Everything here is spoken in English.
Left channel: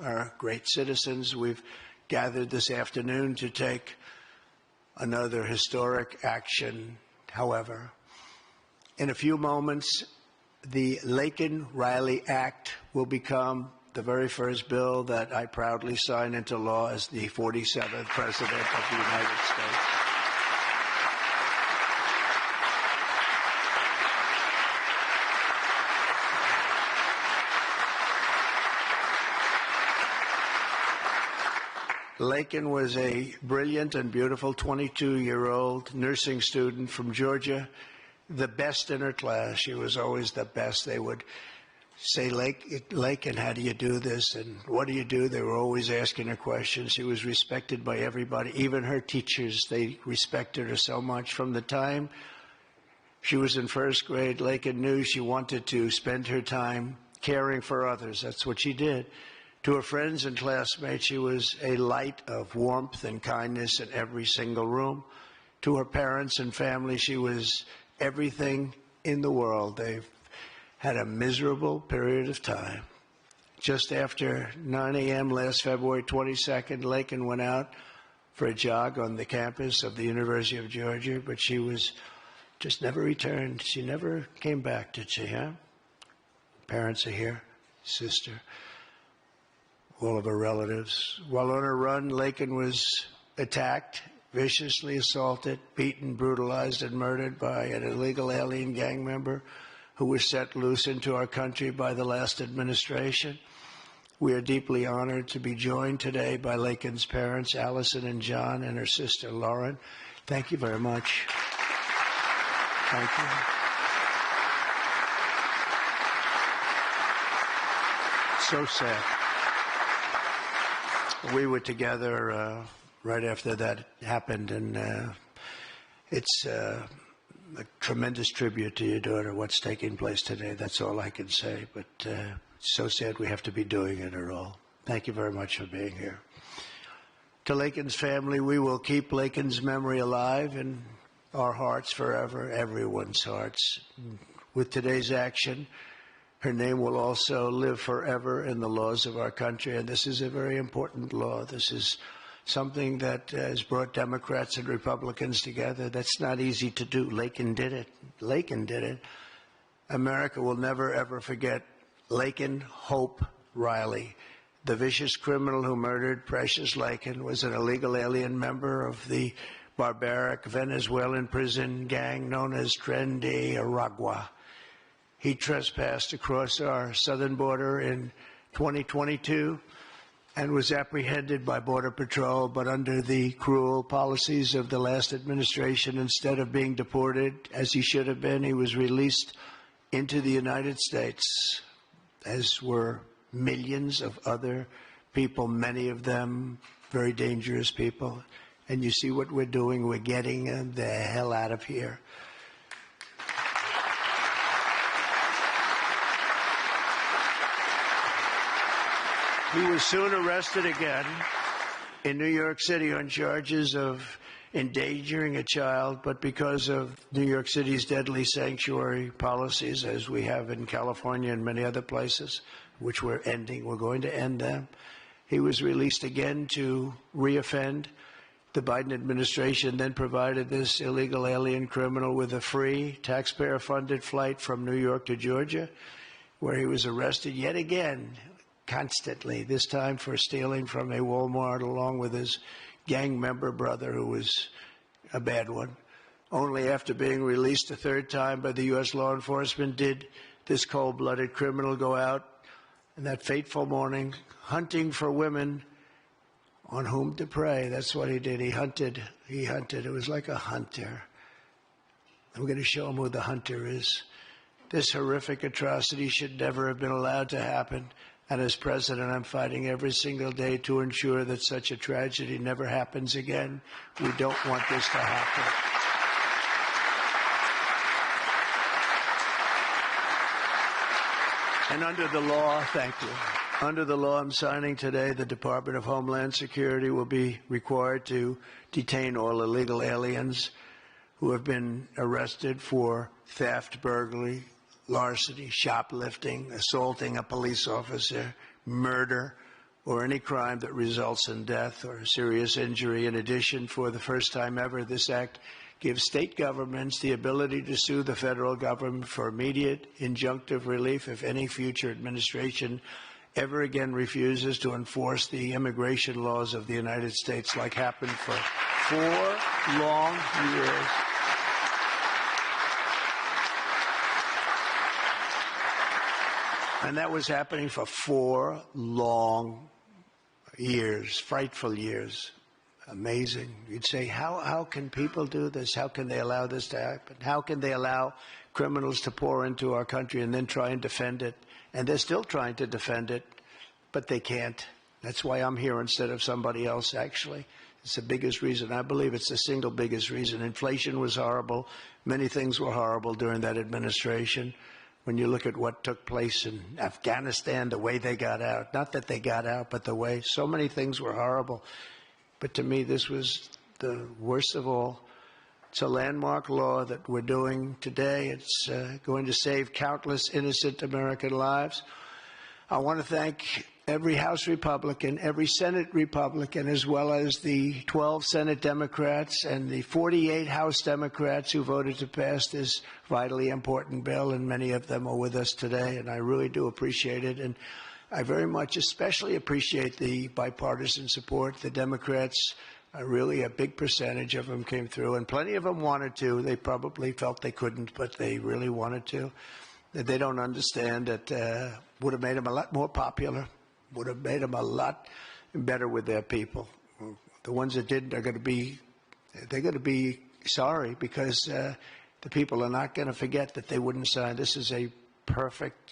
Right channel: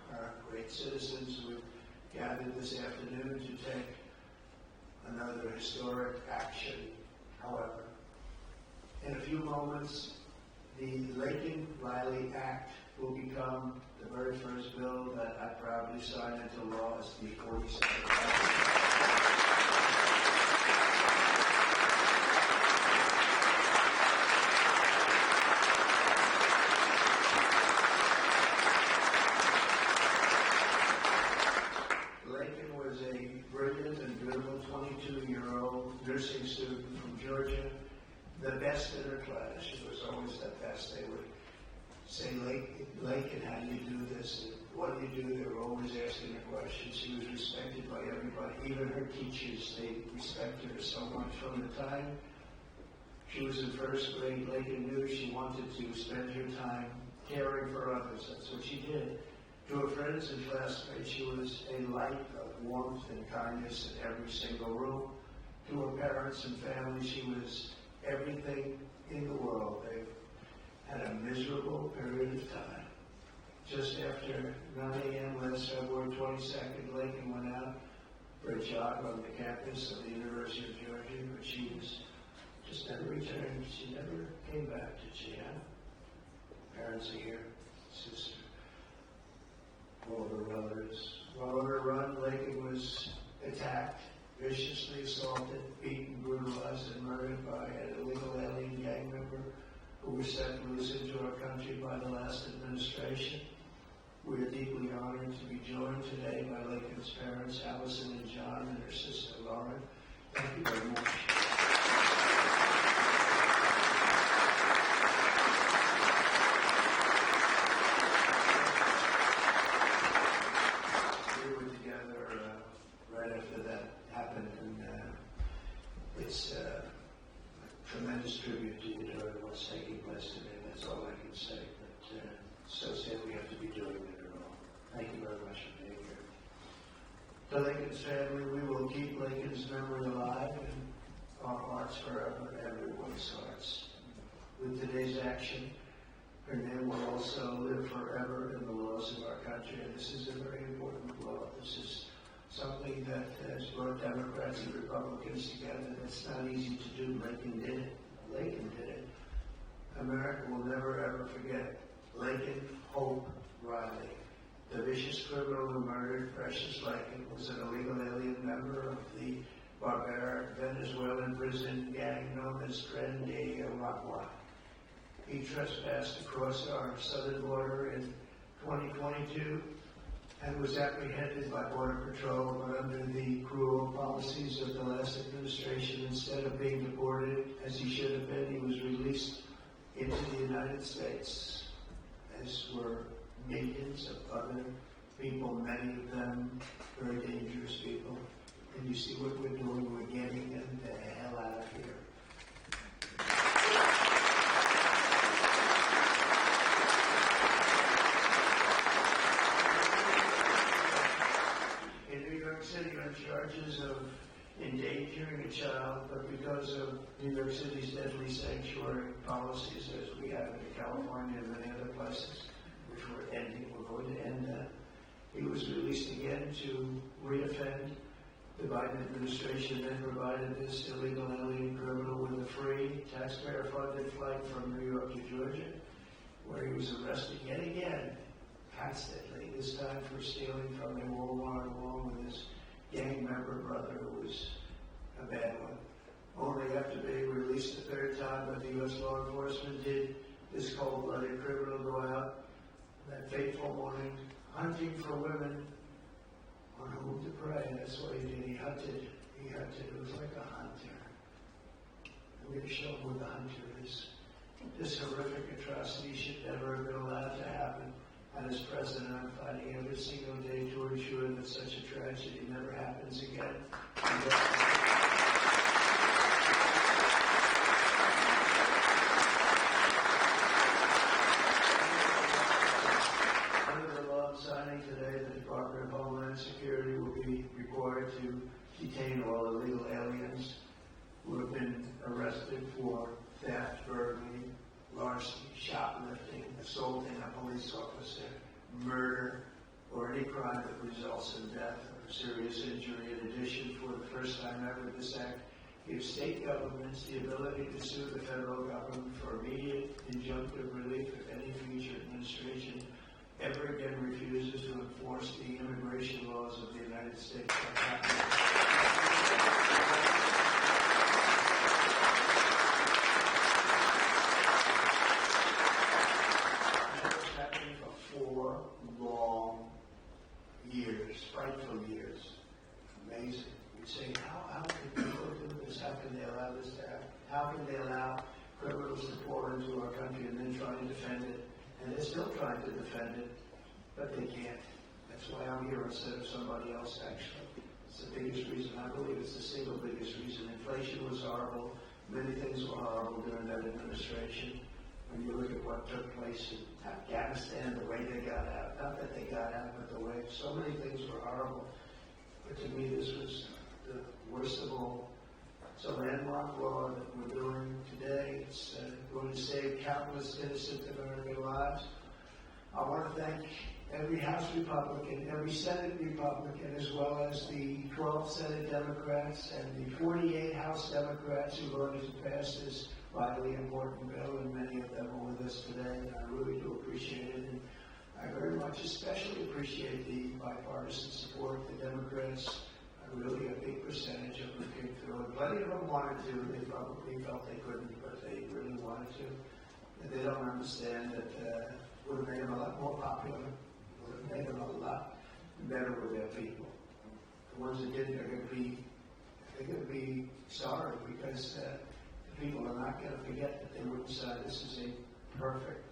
for our great citizens. We've gathered this afternoon to take another historic action. However, in a few moments, the Laken-Riley Act will become the very first bill that I proudly sign into law as the 47th President of the United States. Laken was a brilliant and beautiful 22-year-old nursing student from Georgia, the best in her class. She was always the best. They would say, Laken, how do you do this? And what do you do? They were always asking her questions. She was respected by everybody, even her teachers. They respected her so much. From the time she was in first grade, Laken knew she wanted to spend her time caring for others. That's what she did. To her friends and classmates, she was a light of warmth and kindness in every single room. To her parents and family, she was everything in the world. They've had a miserable period of time. Just after 9 a.m. last February 22nd, Laken went out for a jog on the campus of the University of Georgia, but she was just never returned. She never came back, did she, huh? Parents are here, sister, all of her relatives. While on her run, Laken was attacked, viciously assaulted, beaten, brutalized, and murdered by an illegal alien gang member who was set loose into our country by the last administration. We are deeply honored to be joined today by Laken's parents, Allison and John, and her sister, Lauren. Thank you very much. Thank you. So sad. We were together right after that happened, and it's a tremendous tribute to your daughter, what's taking place today. That's all I can say, but it's so sad we have to be doing it at all. Thank you very much for being here. To Laken's family, we will keep Laken's memory alive in our hearts forever, everyone's hearts. With today's action, her name will also live forever in the laws of our country, and this is a very important law. This is something that has brought Democrats and Republicans together. That's not easy to do. Laken did it. Laken did it. America will never, ever forget Laken Hope Riley. The vicious criminal who murdered Precious Laken was an illegal alien member of the barbaric Venezuelan prison gang known as Tren de Aragua. He trespassed across our southern border in 2022 and was apprehended by Border Patrol, but under the cruel policies of the last administration, instead of being deported, as he should have been, he was released into the United States, as were millions of other people, many of them very dangerous people. And you see what we're doing? We're getting them the hell out of here. He was soon arrested again in New York City on charges of endangering a child, but because of New York City's deadly sanctuary policies, as we have in California and many other places, which we're going to end them, he was released again to reoffend. The Biden administration then provided this illegal alien criminal with a free, taxpayer-funded flight from New York to Georgia, where he was arrested yet again, constantly, this time for stealing from a Walmart along with his gang member brother, who was a bad one. Only after being released a third time by the U.S. law enforcement did this cold-blooded criminal go out in that fateful morning hunting for women on whom to prey. That's what he did. He hunted. It was like a hunter. I'm going to show him who the hunter is. This horrific atrocity should never have been allowed to happen. And as president, I'm fighting every single day to ensure that such a tragedy never happens again. We don't want this to happen. And under the law, thank you. Under the law I'm signing today, the Department of Homeland Security will be required to detain all illegal aliens who have been arrested for theft, burglary, larceny, shoplifting, assaulting a police officer, murder, or any crime that results in death or serious injury. In addition, for the first time ever, this act gives state governments the ability to sue the federal government for immediate injunctive relief if any future administration ever again refuses to enforce the immigration laws of the United States, like happened for 4 long years. And that was happening for 4 long years, frightful years. Amazing. You'd say, how can people do this? How can they allow this to happen? How can they allow criminals to pour into our country and then try and defend it? And they're still trying to defend it, but they can't. That's why I'm here instead of somebody else, actually. It's the biggest reason. I believe it's the single biggest reason. Inflation was horrible. Many things were horrible during that administration. When you look at what took place in Afghanistan, the way they got out, not that they got out, but the way, so many things were horrible. But to me, this was the worst of all. It's a landmark law that we're doing today. It's going to save countless innocent American lives. I want to thank every House Republican, every Senate Republican, as well as the 12 Senate Democrats and the 48 House Democrats who voted to pass this vitally important bill, and many of them are with us today, and I really do appreciate it. And I very much especially appreciate the bipartisan support. The Democrats, really a big percentage of them came through, and plenty of them wanted to. They probably felt they couldn't, but they really wanted to. They don't understand that would have made them a lot more popular, would have made them a lot better with their people. The ones that didn't are going to be sorry, because the people are not going to forget that they wouldn't sign. This is a perfect